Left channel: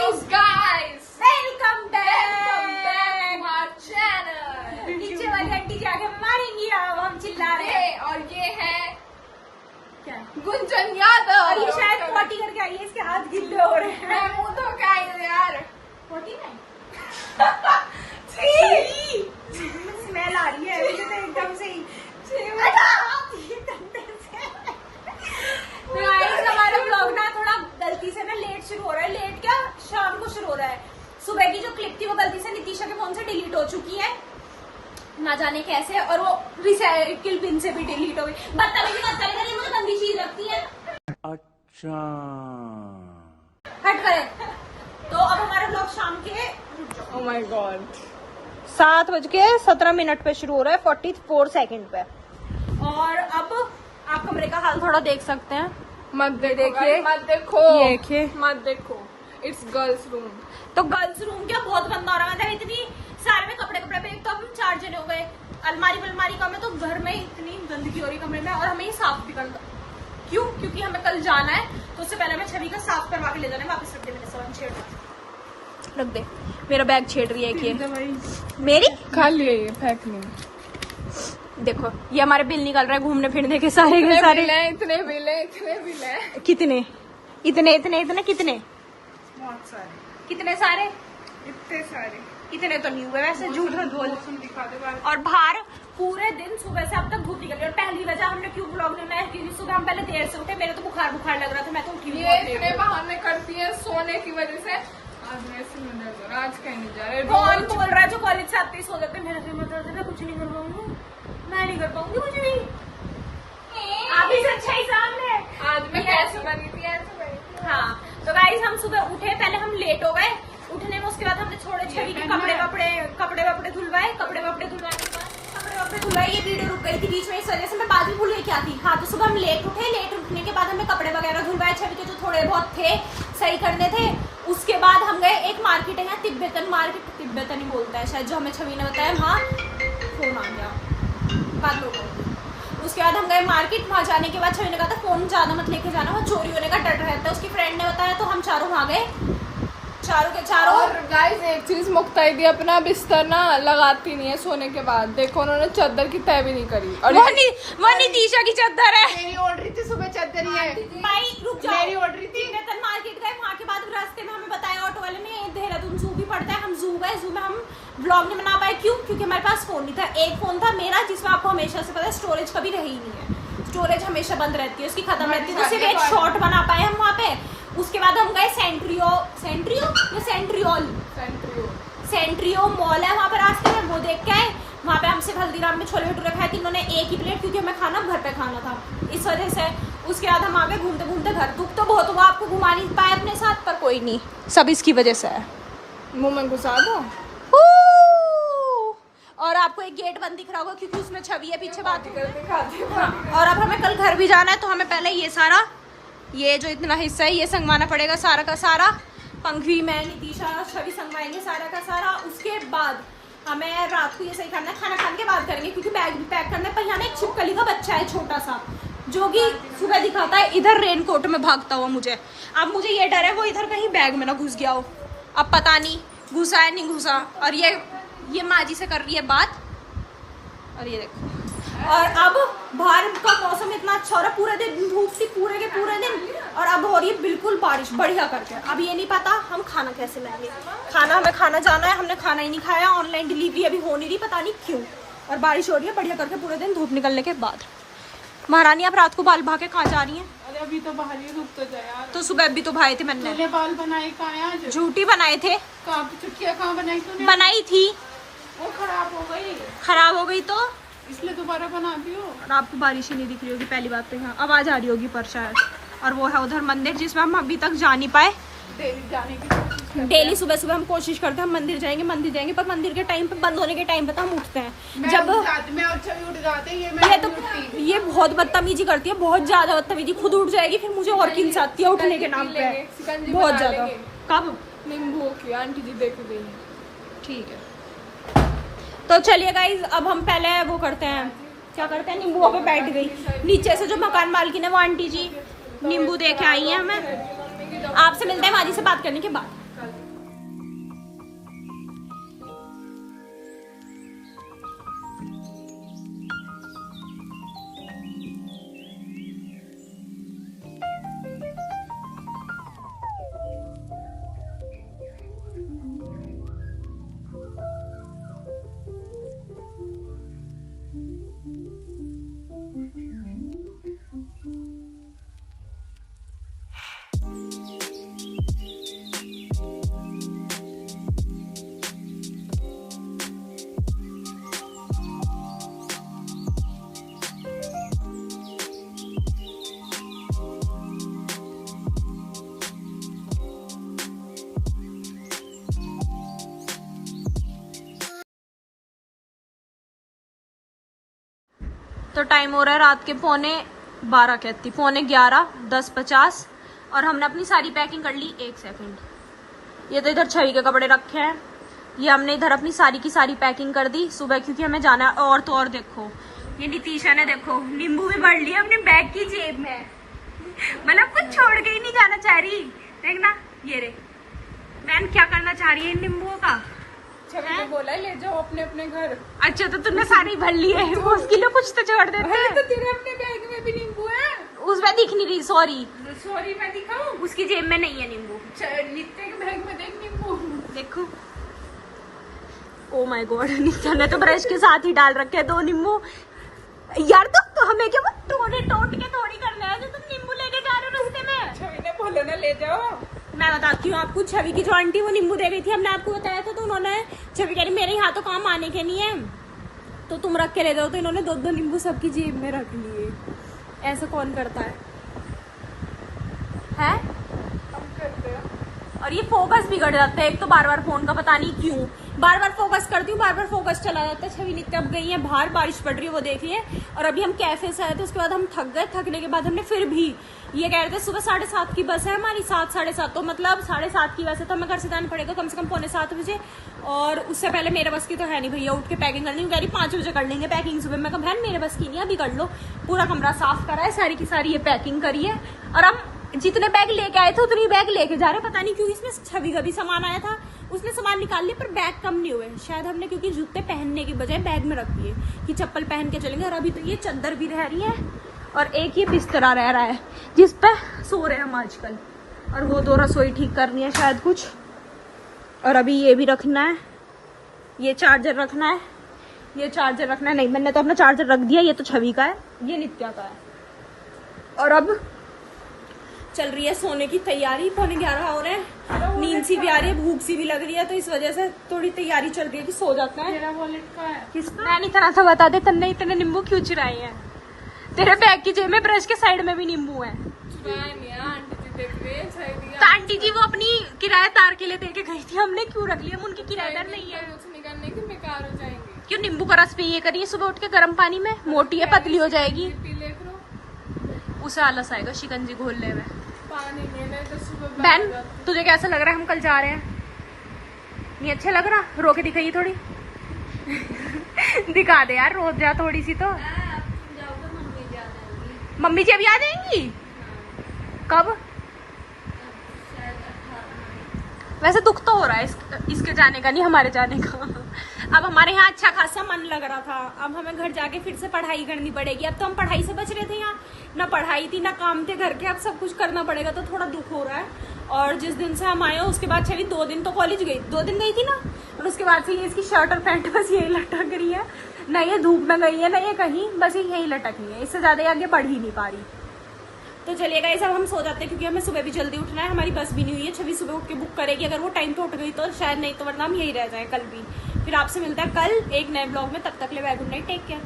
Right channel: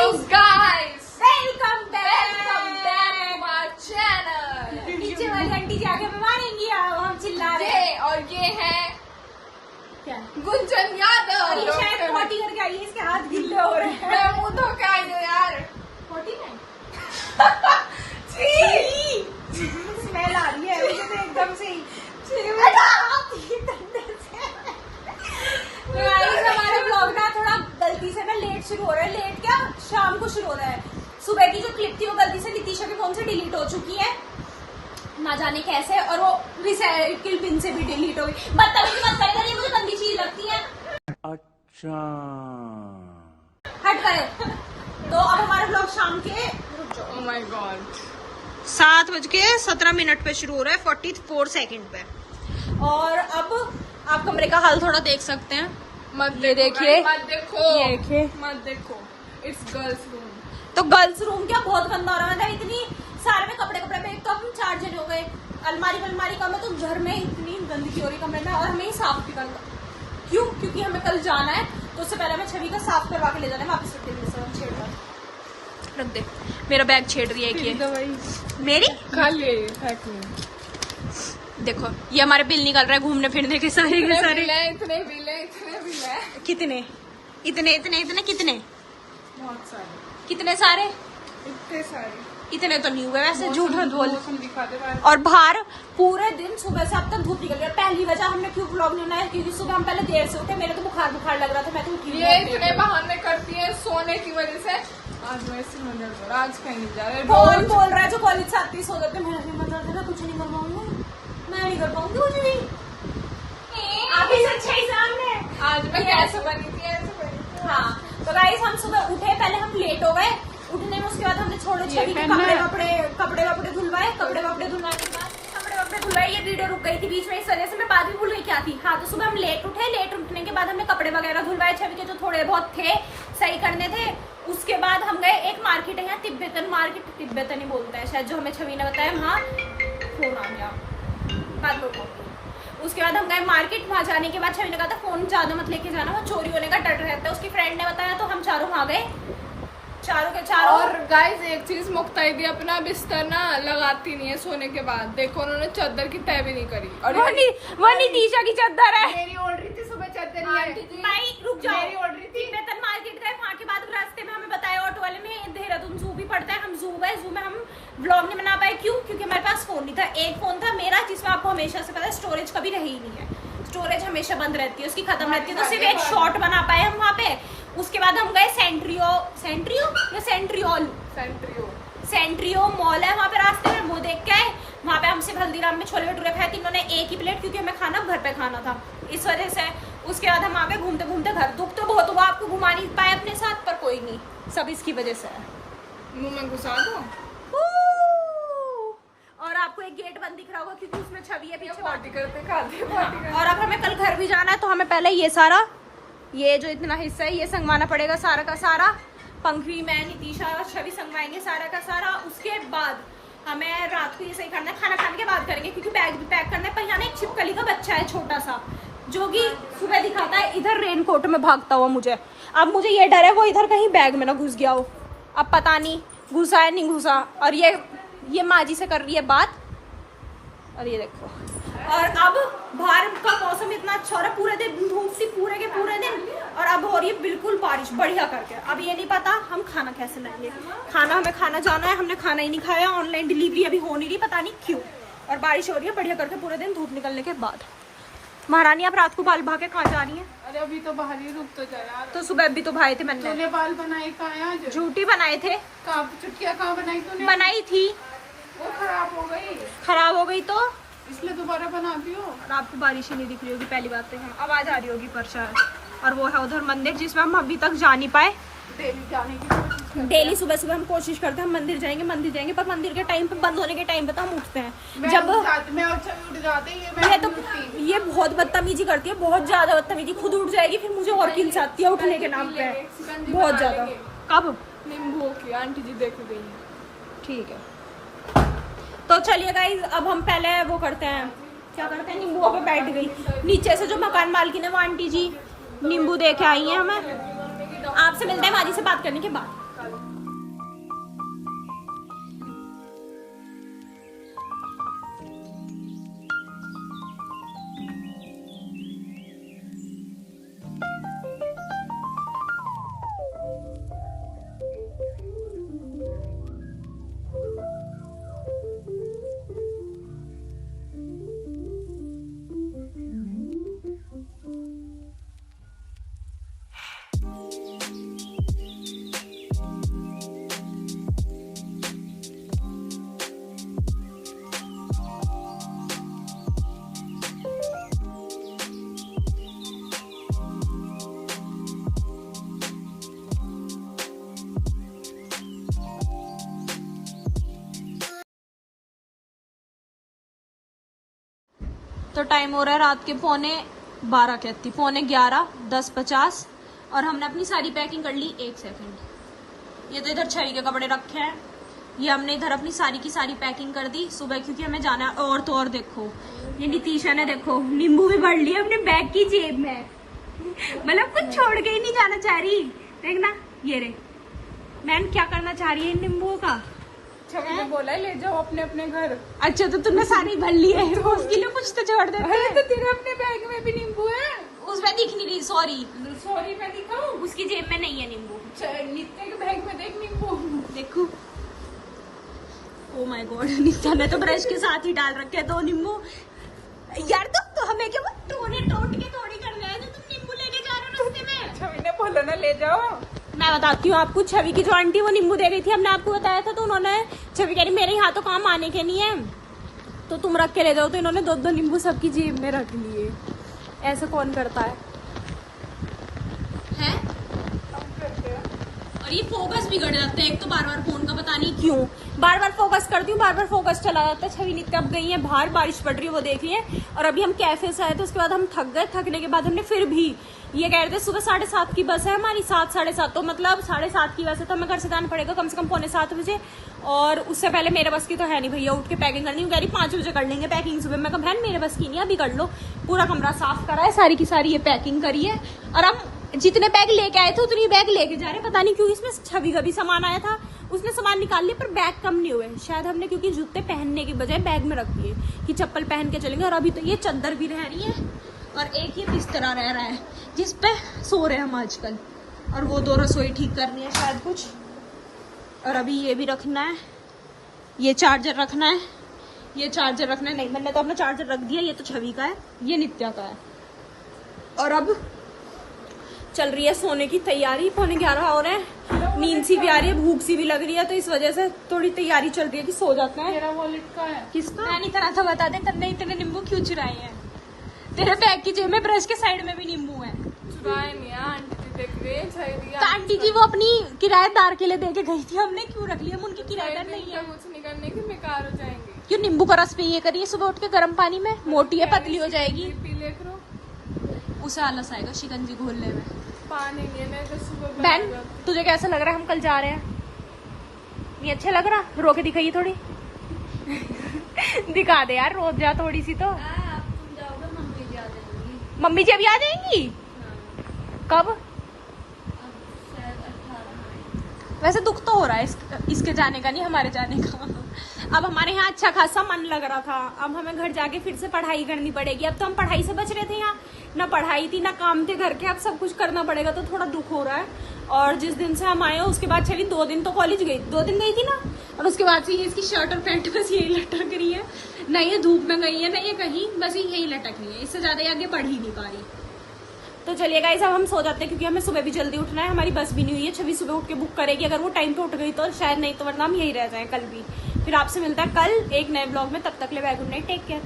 guys, welcome back to our channel. नीचे वाली aunty जी आगे हमें मारेंगी, हम चिल्ला रहे हैं। और ये है क्या? गुंजन यादव। और ये शायद पोटी करके आई है, इसके हाथ गिल्ले हो रहे हैं। मैं मुंह धो के आई हूँ यार। पोटी नहीं, छी! स्मेल आ रही है मुझे तो एकदम से ही। तो गाइस हमारा ब्लॉग ना थोड़ा गलती से ना लेट शुरू हो रहा है। लेट क्या, शाम को शुरू हो रहा है। सुबह की जो क्लिप थी वो गलती से नितिशा के फोन से डिलीट हो चुकी है, ना जाने कैसे, और वो रिसाइकिल बिन से भी डिलीट हो गई। बदतमीजी मत कर, ये मुझे गंदी चीज लगती है। अच्छा हट गए। तो अब हमारा ब्लॉग शाम के Oh my God. 7:17 पे शुरू हो रहा है, 44 सेकंड पे। और अब आप कमरे का हाल थोड़ा देख सकते हैं। मत ये देखिए, मत देखो, ये देखिए, मत देखो। It's girls room. तो गर्ल्स रूम क्या बहुत गंदा हो रहा है। मतलब इतनी सारे में कपड़े पे एक तो हम 4 जने हो गए, अलमारी कम है, तो घर में इतनी गंदगी हो रही कमरे में, और हमें ये साफ भी करना। क्यों? क्योंकि हमें कल जाना है, तो उससे पहले हमें छवि का साफ करवा के ले जाना है। वापस रख दे, मेरे साथ छेड़ रख दे, मेरा बैग छेड़ रही है कि मेरी खाली फेंक ली। देखो ये हमारे बिल निकल रहा है घूमने फिरने के सारे के सारे। इतने बिल है। कितने इतने इतने इतने कितने बहुत सारे, कितने सारे? इतने सारे। इतने तो नहीं हुए वैसे, झूठ मत बोल। दिखा दे बाहर। और बाहर पूरे दिन सुबह से अब तक धूप निकल रही है। पहली वजह हमने क्यों ब्लॉग लेना है, क्योंकि सुबह हम पहले देर से उठे, मेरे तो बुखार लग रहा था, मैं तो उठी ये इतने बहाने करती है सोने की वजह से। आज मैं इसी में डर गई, आज कहीं नहीं जा रहे। कौन बोल रहा है जो कॉलेज से आते ही सो जाते हैं? मेरा भी मत है, कुछ नहीं कर पाऊंगी, मैं नहीं कर पाऊंगी कुछ नहीं। आप ही से अच्छा ही सामने। आज मैं ऐसे बनी थी। हाँ, तो गाइस हम सुबह उठे, पहले हम लेट हो गए उठने में, उसके बाद हमने छोड़े छवि के कपड़े धुलवाए। ये वीडियो रुक गई थी बीच में, इस वजह से मैं बाद में भूल गई क्या थी। हाँ, तो सुबह हम लेट उठने के बाद हमने कपड़े वगैरह धुलवाए, छवि के जो थोड़े बहुत थे सही करने थे। उसके बाद हम गए एक मार्केट है यहाँ, तिब्बतन मार्केट, तिब्बतन ही बोलता है शायद, जो हमें छवि ने बताया। वहाँ फोन आ गया, बात लो। उसके बाद हम गए मार्केट। वहाँ जाने के बाद छवि ने कहा था फोन ज्यादा मत लेके जाना, वहाँ चोरी होने का डर रहता है, उसकी फ्रेंड ने बताया। तो हम चारों वहाँ गए, चारों के चारों। और गाइस एक चीज, मुक्ताइदी अपना बिस्तर ना लगाती नहीं है सोने के बाद। देखो उन्होंने चादर की तय भी नहीं करी। और वो नितिशा की चादर है। मेरी ओढ़ रही थी सुबह चादर है। भाई रुक जाओ, मेरी ओढ़ रही थी। तिब्बतन मार्केट गए, वहाँ के बाद रास्ते में हमें बताया ऑटो वाले ने, देहरादून जू भी पड़ता है। हम जू गए, जू में हम ब्लॉग नहीं बना पाए। क्यों? क्योंकि हमारे पास फोन नहीं था। एक फोन था मेरा, जिसमें आपको हमेशा से पता है स्टोरेज कभी रही नहीं है, स्टोरेज हमेशा बंद रहती है, उसकी खत्म रहती है, तो सिर्फ एक शॉट बना पाए हम वहाँ पे। उसके बाद हम गए सेंट्रियो मॉल है वहाँ पे, रास्ते में वो देख के आए। वहाँ पे हमसे हल्दीराम में छोले भटूरे खाए, तीनों ने एक ही प्लेट, क्योंकि हमें खाना घर पे खाना था, इस वजह से। उसके बाद हम आगे घूमते घूमते घर। दुख तो बहुत हुआ, आपको घुमा नहीं पाए अपने साथ, पर कोई नहीं, सब इसकी वजह से है। मुंह में घुसा दो। और आपको एक गेट बंद दिख रहा होगा, क्योंकि उसमें छवि है पीछे बात करते खाते पार्टी। और अब हमें कल घर भी जाना है, तो हमें पहले ये जो इतना हिस्सा है ये संगवाना पड़ेगा, सारा का सारा। पंखी, मैं, नितिशा और छवि संगवाएंगे सारा का सारा। उसके बाद हमें रात को ये सही करना है, खाना खाने के बाद करेंगे, क्योंकि बैग भी पैक करना है। पर यहाँ में एक छिपकली का बच्चा है छोटा सा, जो कि सुबह दिखाता है इधर रेनकोट में भागता हुआ मुझे। अब मुझे ये डर है वो इधर कहीं बैग में ना घुस गया हो। अब पता नहीं घुसा है नहीं घुसा। और ये माँ जी से कर रही है बात, और ये देखो। और अब बाहर का मौसम इतना अच्छा हो रहा है, पूरे दिन धूप थी पूरे के पूरे दिन, और अब हो रही है बिल्कुल बारिश बढ़िया करके। अब ये नहीं पता हम खाना कैसे लाएंगे। हमें खाना जाना है, हमने खाना ही नहीं खाया, ऑनलाइन डिलीवरी अभी हो नहीं रही, पता नहीं क्यों। और बारिश हो रही है बढ़िया करके पूरे दिन, धूप निकलने के बाद। महारानी आप रात को बाल भा के कहाँ जा रही हैं? अरे अभी तो बाहर ही रुक तो जाए यार। तो सुबह भी तो भाए थे मैंने। बाल बनाए कहाँ आज? झूठी बनाए थे। चुटकियाँ कहाँ बनाई तूने? बनाई थी, वो खराब हो गई तो इसलिए दोबारा बनाती हो। और आपको बारिश ही नहीं दिख रही होगी पहली बात तो, यहाँ आवाज आ रही होगी पर शायद। और वो है उधर मंदिर, जिसमें हम अभी तक जा नहीं पाए। डेली सुबह सुबह हम कोशिश करते हैं हम मंदिर जाएंगे, पर मंदिर के टाइम पे, बंद होने के टाइम पे तो हम उठते हैं। जब ये बहुत बदतमीजी करती है, बहुत ज्यादा बदतमीजी, खुद उठ जाएगी, फिर मुझे और खिलसाती है उठने के नाम पे, बहुत ज्यादा। कब? नींबू की आंटी जी देख गई। ठीक है, तो चलिए गाइज, अब हम पहले वो करते हैं, क्या करते हैं, नींबुओं पे बैठ गई। नीचे से जो मकान मालकिन है वो आंटी जी नींबू दे के आई हैं हमें। आपसे मिलते हैं माजी से बात करने के बाद। तो टाइम हो रहा है रात के 11:15 कहती 11:15 10:50 और हमने अपनी सारी पैकिंग कर ली। 1 सेकंड, ये तो इधर छवि के कपड़े रखे हैं, ये हमने इधर अपनी सारी की सारी पैकिंग कर दी सुबह, क्योंकि हमें जाना है। और तो और देखो ये नितीशा ने देखो नींबू भी भर लिया अपने बैग की जेब में, मतलब कुछ छोड़ के ही नहीं जाना चाह रही। देखना ये रे मैम क्या करना चाह रही है इन नींबुओं का। छवि ने बोला है ले जाओ अपने अपने घर। अच्छा तो तुमने सारी भर ली है, उसके लिए कुछ तो छोड़ देते। अरे तो तेरे अपने बैग में भी नींबू है। उसमें दिख नहीं रही, सॉरी सॉरी मैं दिखाऊं? उसकी जेब में नहीं है नींबू। नित्य के बैग में देख नींबू। देखो ओ माय गॉड, नित्या ने तो ब्रश के साथ ही डाल रखे हैं 2 नींबू। यार तो हमें क्या वो टोने टोट के थोड़ी करना है जो तुम नींबू लेके जा रहे हो रास्ते में। छवि ने बोला ना ले जाओ। मैं बताती हूँ आपको, छवि की जो आंटी वो नींबू दे गई थी, हमने आपको बताया था, तो उन्होंने छवि कह रही मेरे यहाँ तो काम आने के नहीं है तो तुम रख के ले जाओ, तो इन्होंने 2-2 नींबू सबकी जेब में रख लिए। ऐसा कौन करता है? हम करते हैं। और ये फोकस बिगड़ जाता है, एक तो बार बार फोन का पता नहीं क्यों बार बार फोकस करती हूँ, बार बार फोकस चला जाता है। छवि नित्य अब गई है बाहर, बारिश पड़ रही है वो देख रही है, और अभी हम कैफे से आए थे, उसके बाद हम थक गए। थकने के बाद हमने फिर भी ये कह रहे थे सुबह 7:30 की बस है हमारी, 7 साढ़े 7, तो मतलब 7:30 की वैसे तो हमें घर से जाना पड़ेगा कम से कम 6:45 बजे, और उससे पहले मेरे बस की तो है नहीं भैया उठ के पैकिंग करनी। कह रही 5 बजे कर लेंगे पैकिंग सुबह। मैं कहा बहन मेरे बस की नहीं, अभी कर लो। पूरा कमरा साफ करा है, सारी की सारी ये पैकिंग करी है, और हम जितने बैग लेके आए थे उतनी बैग लेके जा रहे। पता नहीं क्यों इसमें छवि का भी सामान आया था, उसने सामान निकाल लिया पर बैग कम नहीं हुए। शायद हमने क्योंकि जूते पहनने की बजाय बैग में रख दिए कि चप्पल पहन के चलेंगे। और अभी तो ये चादर भी रह रही है और एक ये बिस्तरा रह रहा है जिस पे सो रहे हैं हम आजकल, और वो 2 रसोई ठीक करनी है शायद कुछ, और अभी ये भी रखना है, ये चार्जर रखना है, ये चार्जर रखना है। नहीं मैंने तो अपना चार्जर रख दिया, ये तो छवि का है, ये नित्या का है। और अब चल रही है सोने की तैयारी, 11:15 हो रहे हैं, नींद सी भी आ रही है, भूख सी भी लग रही है, तो इस वजह से थोड़ी तैयारी चल रही है कि सो जाता है। मेरा वॉलेट का है। किसका? मैं नहीं तरह से बता दे, तन्ने इतने नींबू क्यों चुराए हैं? तेरे बैग की जेब में ब्रश के साइड में भी नींबू है। चुराए नहीं है, आंटी जी देख रही है। तो आंटी जी वो अपनी किराएदार के लिए दे के गई थी, हमने क्यों रख लिया? उनकी किराएदार नहीं है। कुछ नहीं करने की बेकार हो जाएंगे। क्यों? नींबू का रस पिए करिए सुबह उठ के गर्म पानी में, मोटी है पतली हो जाएगी। पी ले करो, उसे आलस आएगा शिकंजी घोलने में। पानी नहीं है तो सुबह बहन तुझे कैसा लग रहा है हम कल जा रहे हैं? नहीं अच्छा लग रहा? रो के दिखाइए थोड़ी। दिखा दे यार, रो जा थोड़ी सी तो। मम्मी जी अभी आ जाएंगी? कब? वैसे दुख तो हो रहा है इसके जाने का, नहीं हमारे जाने का। अब हमारे यहाँ अच्छा खासा मन लग रहा था, अब हमें घर जाके फिर से पढ़ाई करनी पड़ेगी। अब तो हम पढ़ाई से बच रहे थे, यहाँ ना पढ़ाई थी ना काम थे घर के, अब सब कुछ करना पड़ेगा, तो थोड़ा दुख हो रहा है। और जिस दिन से हम आए हो उसके बाद छवि 2 दिन तो कॉलेज गई, 2 दिन गई थी ना, और उसके बाद से ये इसकी शर्ट और पैंट बस यही लटक रही है, ना ये धूप में गई है ना ये कहीं, बस यही लटक रही है, इससे ज्यादा ये आगे बढ़ ही नहीं पा रही। तो चलिए गाइस अब हम सो जाते हैं, क्योंकि हमें सुबह भी जल्दी उठना है, हमारी बस भी नहीं हुई है। छवि सुबह उठ के बुक करेगी, अगर वो टाइम पे उठ गई तो शायद, नहीं तो वरना हम यही रह जाए कल भी। फिर आपसे मिलता है कल एक नए ब्लॉग में, तब तक ले bye, good night, take care.